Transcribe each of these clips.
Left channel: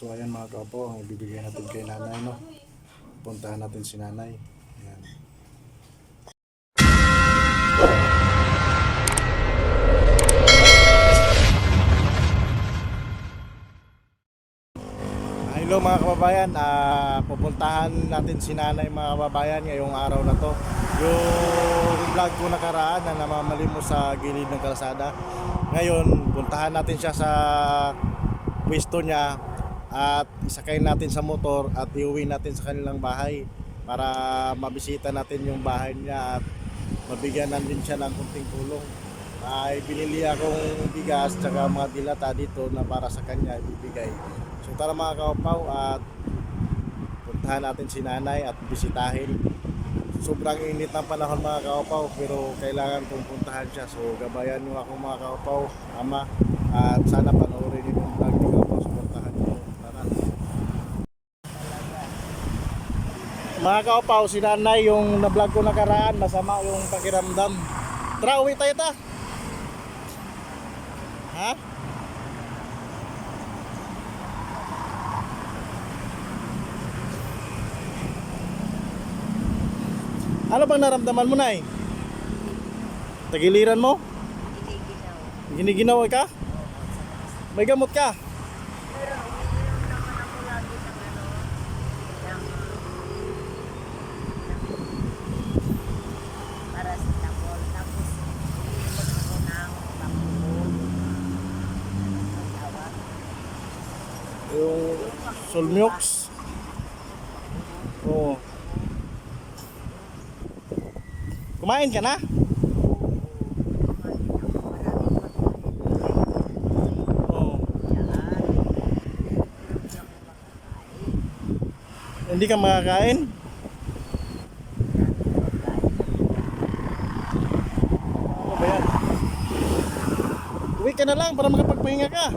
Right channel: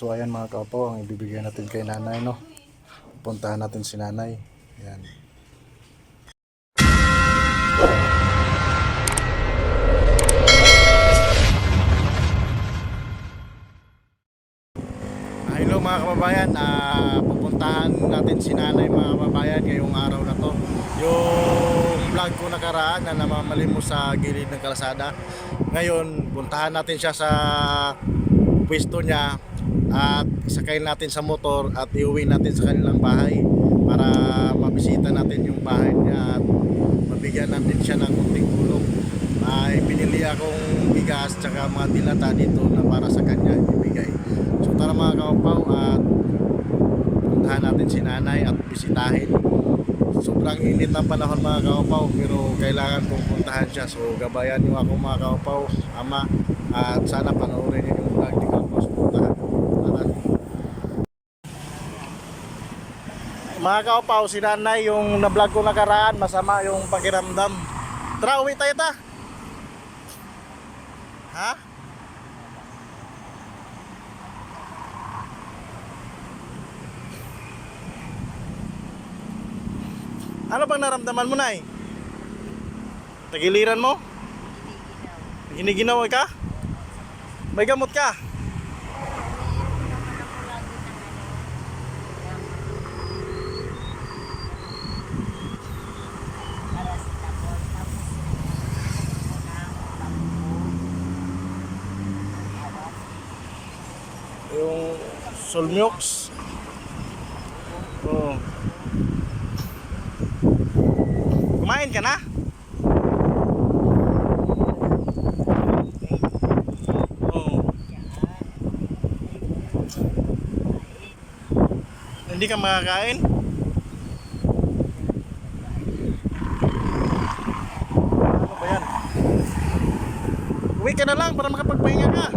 So ayan mga kaupaw, ang ibibigay natin kay nanay, no? Puntahan natin si nanay. Ayan. Hello mga kababayan, pupuntahan natin si nanay mga kababayan ngayong araw na to. Yung vlog ko nakaraan na namamalimos sa gilid ng kalsada, ngayon puntahan natin siya sa pwesto niya at isakay natin sa motor at iuwi natin sa kanilang bahay para mabisita natin yung bahay niya at mabigyan natin siya ng kunting tulong. Ay pinili akong bigas tsaka mga dilata dito na para sa kanya ibibigay. So tara mga kaupaw at puntahan natin si nanay at bisitahin. Sobrang init ng panahon mga kaupaw, pero kailangan kong puntahan siya. So gabayan niyo ako mga kaupaw, ama, at sana panoorin niyo yung vlog ni kaupaw. So puntahan. Tara. Mga kaupaw, si nanay yung na-vlog ko nakaraan, masama yung pakiramdam. Tara, uwi tayo ta. Ha? Ano bang naramdaman mo, nay? Tagiliran mo? Giniginaw ka? May gamot ka? Yung Solmiox. Oh. Kumain ka na? Oh. Hindi ka makakain? Ano ba yan? Uwi ka na lang para makapagpahinga ka.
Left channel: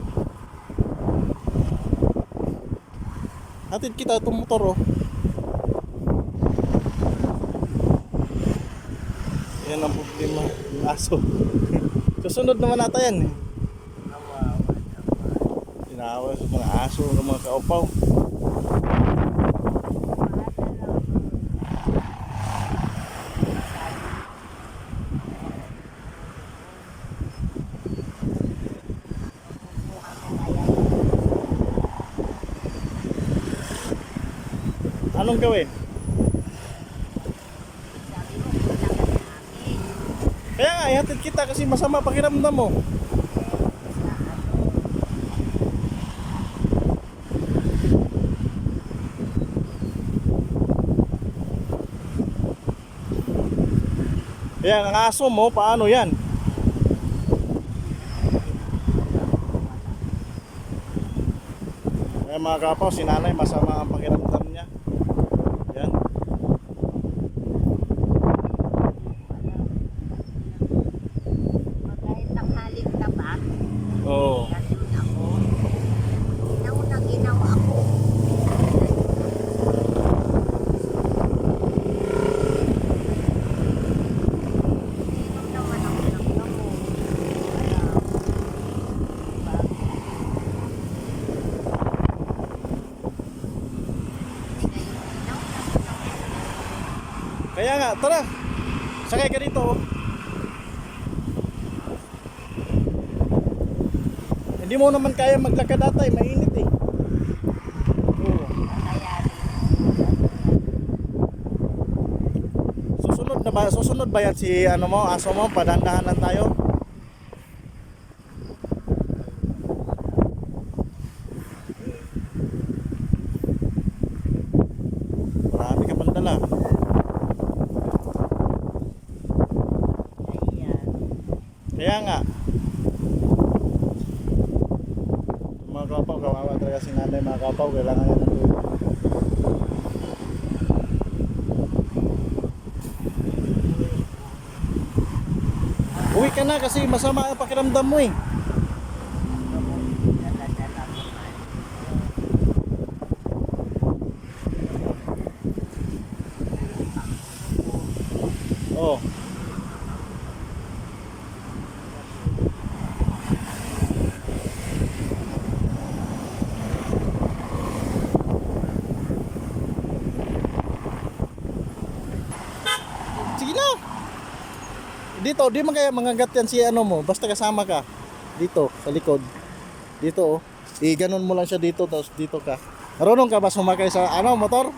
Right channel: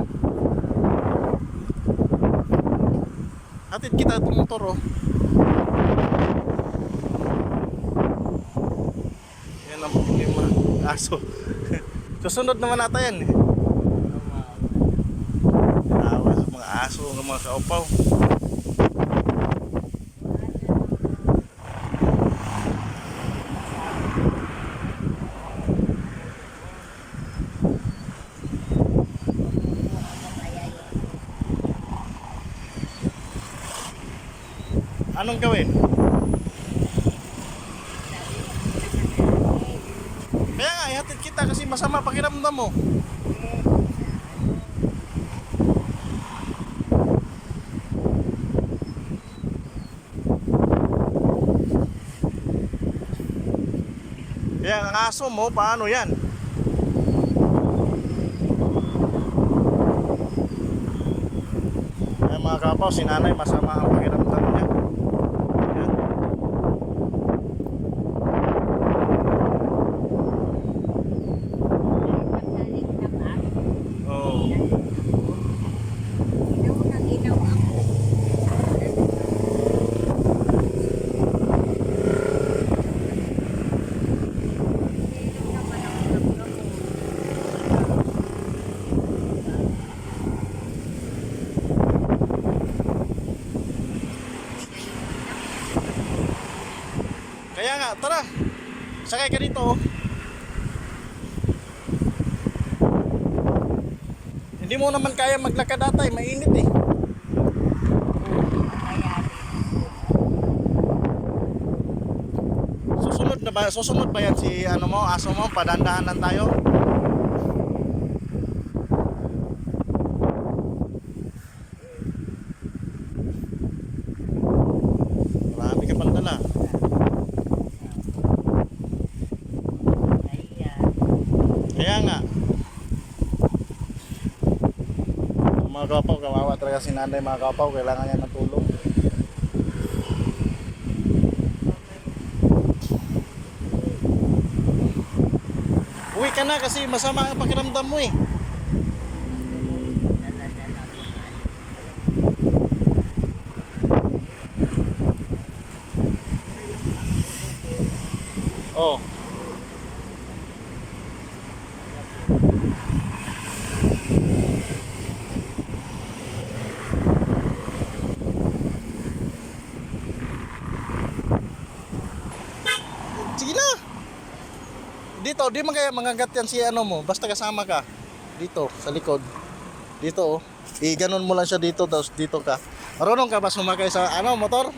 Hatid kita itong motor, oh. Yan ang problema. Aso. Susunod naman nata yan. Awas mga aso, mga kaupaw. Anong gawin? Kaya nga, ihatid kita kasi masama pakiramdam mo. Kaya ang aso mo, paano yan? Kaya mga kapaw, si nanay masama ang pakiramdam niya. Yan. Nagtakalit ka ba? Oo. Nandun ako. Ginaw na ginaw ako. Meron naman ako ng gamot. Kaya nga, tara. Sakay ka dito, oh. Hindi mo naman kaya maglakad atay, mainit eh. Susunod ba yan si ano mo, aso mo, padandahanan tayo? Marami ka pang dala. Kaya nga. Mga kapaw, kawawa talaga si nanay mga kapaw, kailangan niya ng tulong. Uwi ka na kasi masama ang pakiramdam mo eh. Oh. na. Dito, di man kaya mangagat yan si ano mo, basta kasama ka. Dito, sa likod. Dito, oh. I-ganon mo lang siya dito, tapos dito ka. Marunong ka ba sumakay sa ano, motor?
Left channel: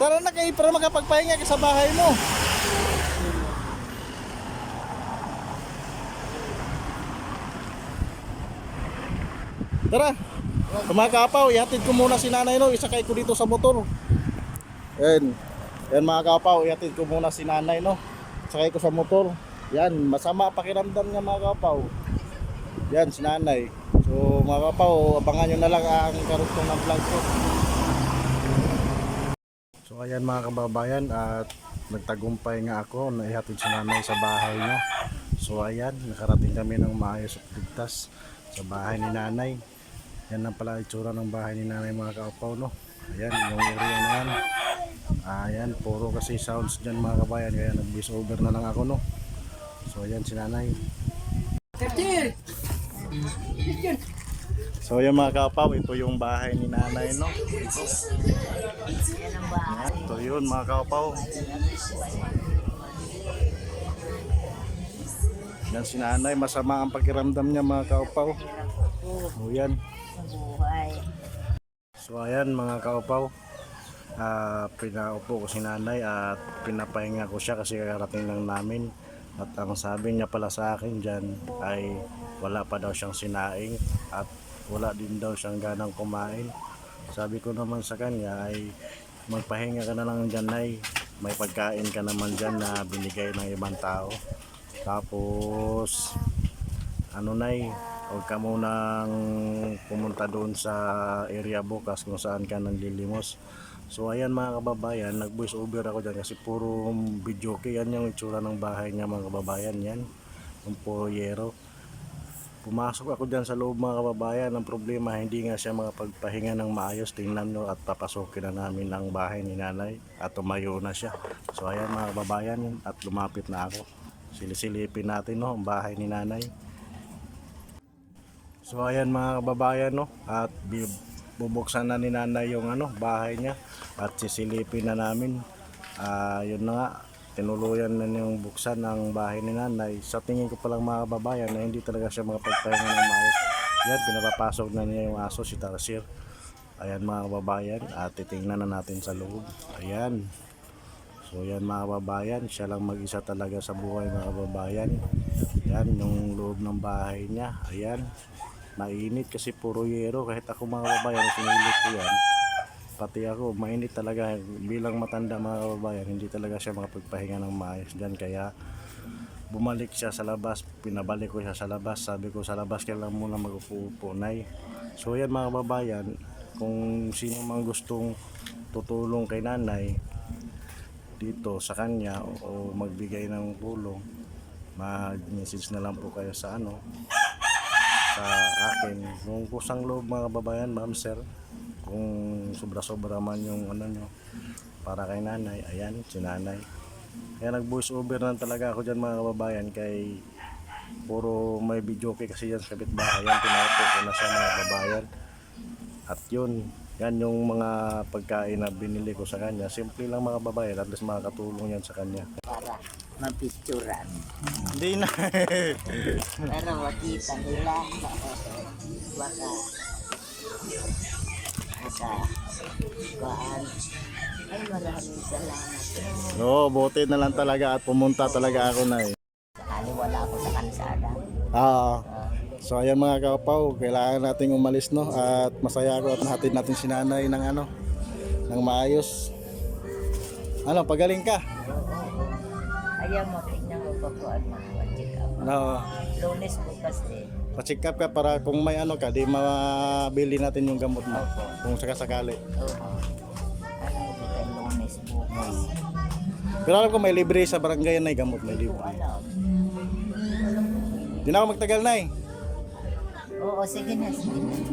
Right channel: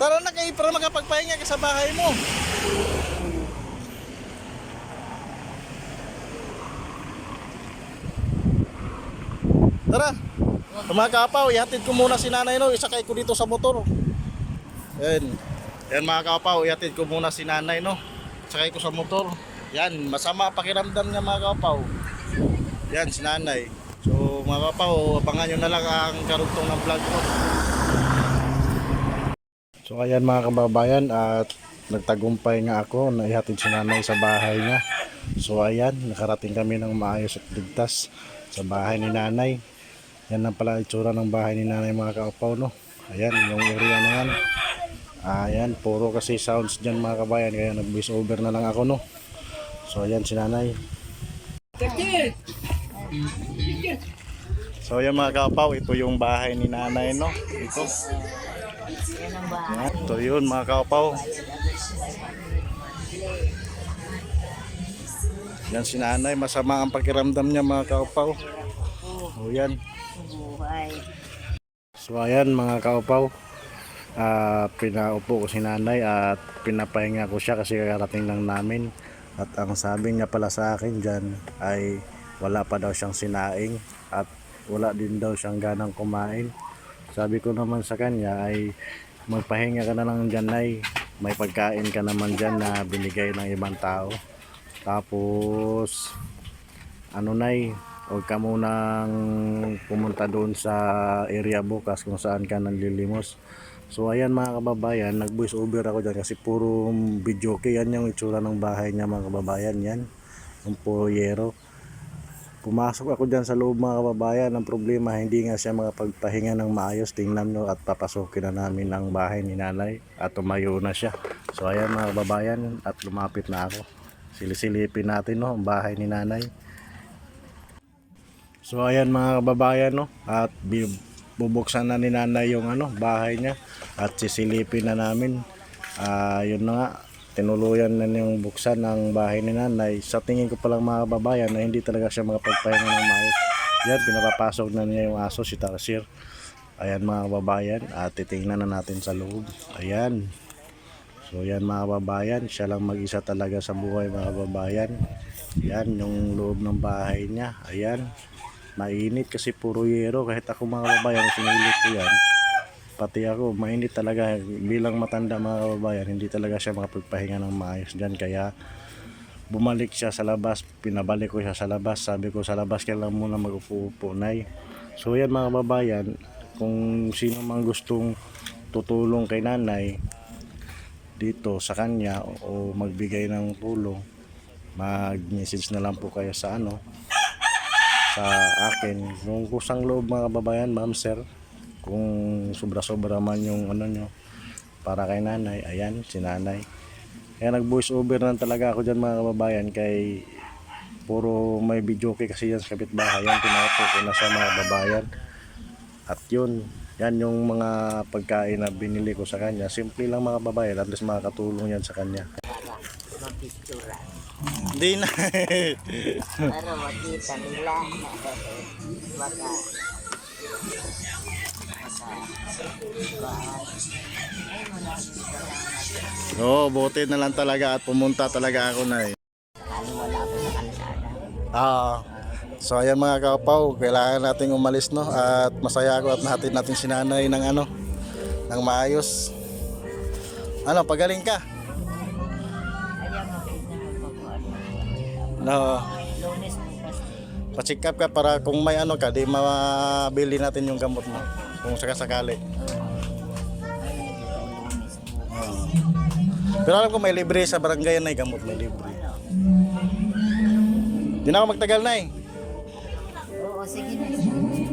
Tara na kayo para makapagpahinga ka sa bahay mo. Tara. Mga kapaw, ihatid ko muna si nanay no, isakay ko dito sa motor. Yan. Yan mga kapaw, ihatid ko muna si nanay no. Sakay ko sa motor. Yan, masama pakiramdam niya mga kapaw. Yan, si nanay. So mga kapaw, abangan nyo na lang ang karugtong ng vlog ko. So ayan mga kababayan, at nagtagumpay nga ako na ihatid si nanay sa bahay niya. So ayan, nakarating kami ng maayos at ligtas sa bahay ni nanay. Yan na pala itsura ng bahay ni nanay mga kapaw no. Ayan, yung area na yan. Ayan, puro kasi sounds dyan mga kabayan, kaya nag voice over na lang ako no. So ayan si nanay. So yung mga kapaw, ito yung bahay ni nanay no. Ito. Yan, ito yun mga kapaw. Yan si nanay, masama ang pakiramdam niya mga kapaw. O yan. So ayan mga kaupaw, pinaupo ko si nanay at pinapahinga ko siya kasi kakarating lang namin. At ang sabi niya pala sa akin dyan ay wala pa daw siyang sinaing at wala din daw siyang ganang kumain. Sabi ko naman sa kanya ay magpahinga ka na lang dyan nay, may pagkain ka naman dyan na binigay ng ibang tao. Tapos ano nay, huwag ka munang pumunta doon sa area bukas kung saan ka nanlilimos. So ayan mga kababayan, nag voice over ako dyan kasi puro video okay. Yan yung itsura ng bahay niya mga kababayan. Yan, yung puro yero. Pumasok ako dyan sa loob mga kababayan. Ang problema, hindi nga siya makapagpahinga ng maayos. Tingnan nyo at papasokin na namin ang bahay ni nanay at tumayo na siya. So ayan mga kababayan, at lumapit na ako. Silisilipin natin no, ang bahay ni nanay. So ayan mga kababayan no, at bubuksan na ni nanay yung ano, bahay niya at sisilipin na namin. Yun na nga, tinuluyan na yung buksan ng bahay ni nanay. Sa tingin ko palang mga kababayan na hindi talaga siya makapagpahinga ng maayos. Yan, pinapapasok na niya yung aso, si Tarsier. Ayan mga kababayan, at titingnan na natin sa loob. Ayan. So yan mga kababayan, siya lang mag-isa talaga sa buhay mga kababayan. Yan yung loob ng bahay niya. Ayan. Mainit kasi puro yero. Kahit ako mga kababayan, sinilip ko yan. Pati ako, mainit talaga. Bilang matanda mga kababayan, hindi talaga siya makapagpahinga ng maayos dyan. Kaya bumalik siya sa labas. Pinabalik ko siya sa labas. Sabi ko sa labas ka lang muna mag-upo-upo nay. So yan mga kababayan, kung sino mang gustong tutulong kay nanay dito sa kanya o magbigay ng tulong, mag-message na lang po kayo sa ano, sa akin. Kung kusang loob mga kababayan, ma'am sir, kung sobra-sobra man yung ano nyo para kay nanay. Ayan si nanay, kaya nag voice over na talaga ako dyan mga kababayan, kay puro may video okay kasi yan sa kapitbahay. Yan, pinaupo ko na sa mga kababayan. At yun, yan yung mga pagkain na binili ko sa kanya. Simple lang mga kababayan, at least makakatulong yan sa kanya. Mapicturan. Hindi na. Para makita nila. Baka. Ay, maraming salamat. Oo, buti na lang talaga at pumunta talaga ako na eh. Wala ako sa kansada. So ayan mga kapaw, kailangan natin umalis no, at masaya ako at nahatid natin si nanay ng ano, ng maayos. Ano, pagaling ka? Ayaw mo, tignan mo pa po ano. No, Lunes bukas din. pa-check up ka para kung may ano ka, di mabili natin yung gamot mo kung sakasakali. Lunes bukas. Pero alam ko may libre sa barangay na gamot, may libre. Di na ako magtagal na eh. Oo, sige na. Sige na.